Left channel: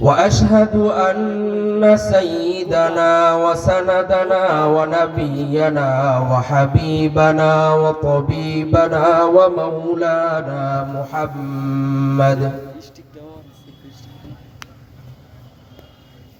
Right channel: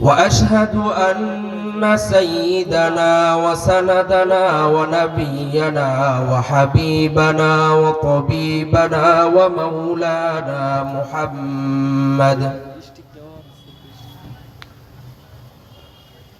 وأشهد أن سيدنا وسندنا ونبينا وحبيبنا وطبيبنا ومولانا محمد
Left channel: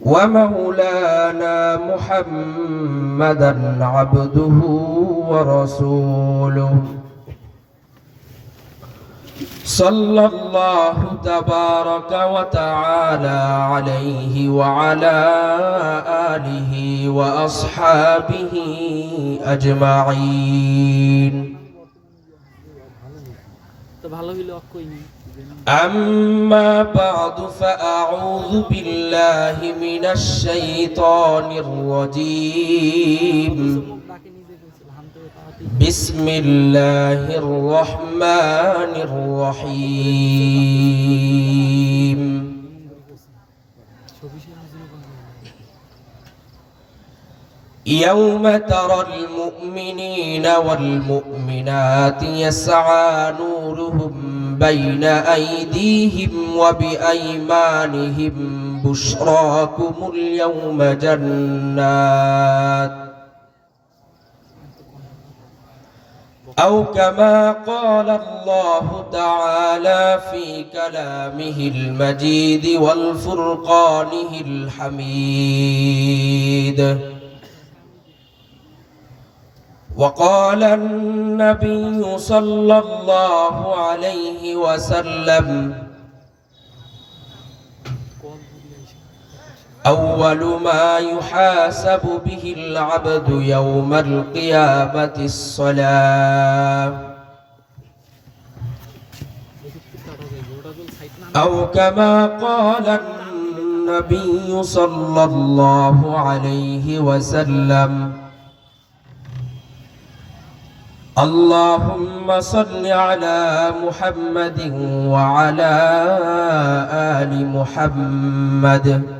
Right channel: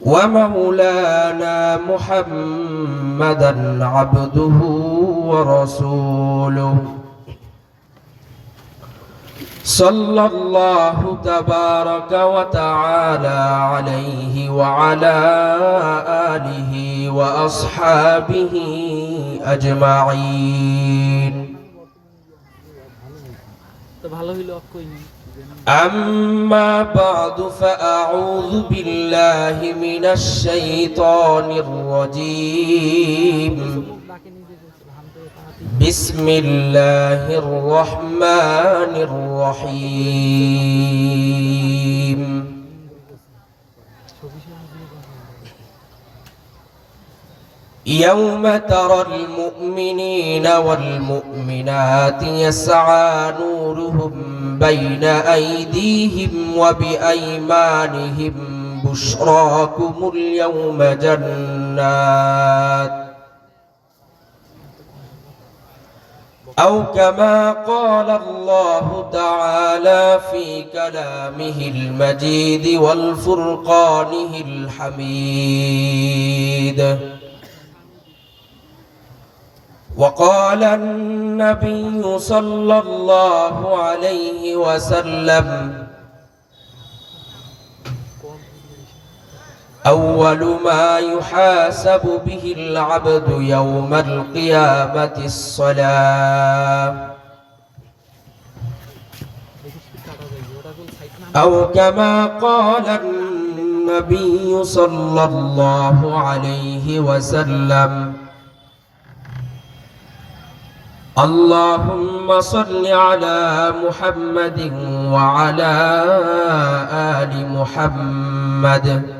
ومولانا محمدا عبده ورسوله. صلى الله تبارك وتعالى عليه وعلى آله وأصحابه أجمعين. أما بعد فأعوذ بالله من الشيطان الرجيم. بسم الله الرحمن الرحيم. يوم ترى المؤمنين والمؤمنات يسعى نورهم بين أيديهم وبأيمانهم بشراكم اليوم جنات. أو كما قال الله تعالى في كلامه المجيد والفرقانه الحميد. وقال النبي صلى الله عليه وسلم أول ما يحاسب به العبد يوم القيامة الصلاة. أو كما قال النبي صلى الله عليه وسلم اللهم صل على محمد وعلى آل محمد.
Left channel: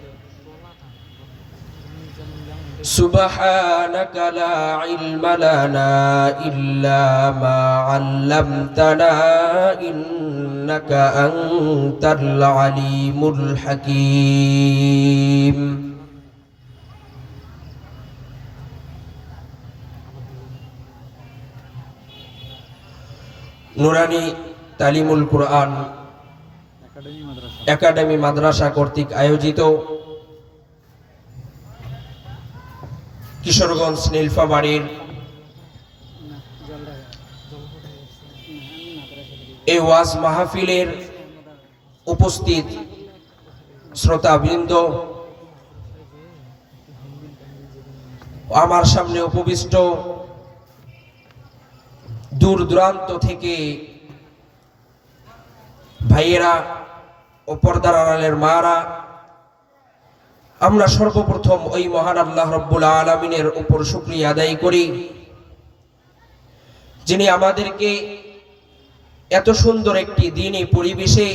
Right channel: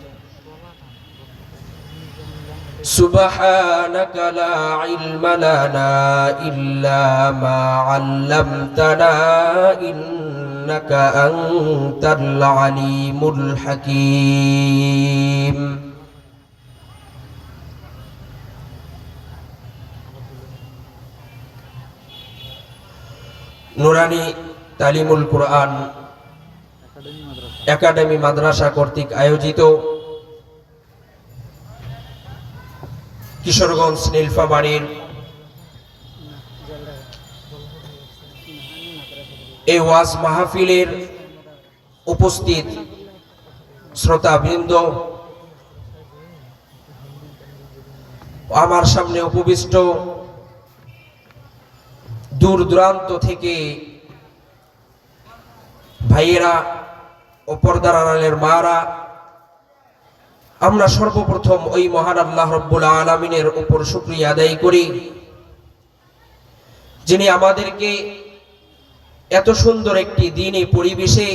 سبحانك لا علم لنا إلا ما علمتنا إنك أنت العليم الحكيم নুরানি তালিমুল কোরআন একাডেমি মাদ্রাসা কর্তৃক আয়োজিত কিশোরগঞ্জ নীলফামারীর এই ওয়াজ মাহফিলের উপস্থিত শ্রোতাবৃন্দ, আমার সামনে উপবিষ্ট দূর দূরান্ত থেকে ভাইয়েরা ও পর্দার আড়ালের মারা আমরা সর্বপ্রথম ওই মহান আল্লাহ রব্বুল আলমিনের উপর শুক্রিয়া আদায় করি, যিনি আমাদেরকে এত সুন্দর একটি দিনই পরিবেশে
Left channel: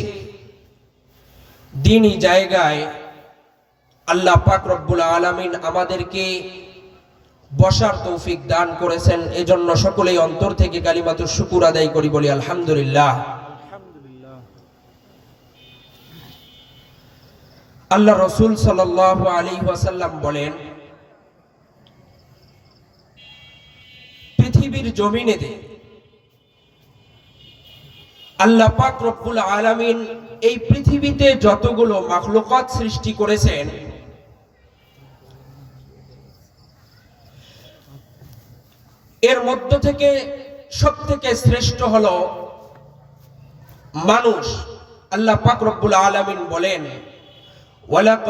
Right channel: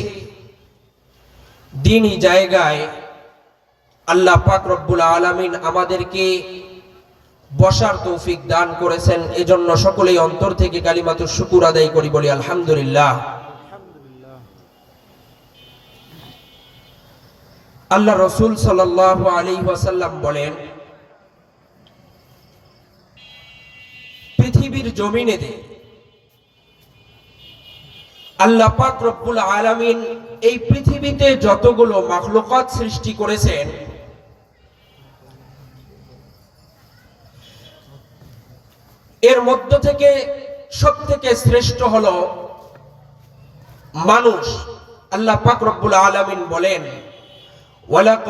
দিনই জায়গায় আল্লাহ পাক রব্বুল আলমিন আমাদেরকে বসার তৌফিক দান করেছেন। এজন্য সকলেই অন্তর থেকে কালিমাত শুকুর আদায় করি বলি আলহামদুলিল্লাহ। আল্লাহ রসুল সাল আলী ওয়াসাল্লাম বলেন, পৃথিবীর জমিনেতে আল্লাহ পাক রব্বুল আলামিন এই পৃথিবীতে যতগুলো মাখলুকাত সৃষ্টি করেছেন, এর মধ্য থেকে সব থেকে শ্রেষ্ঠ হলো মানুষ, আল্লাহ পাক রব্বুল আলামিন বলেন। ولقد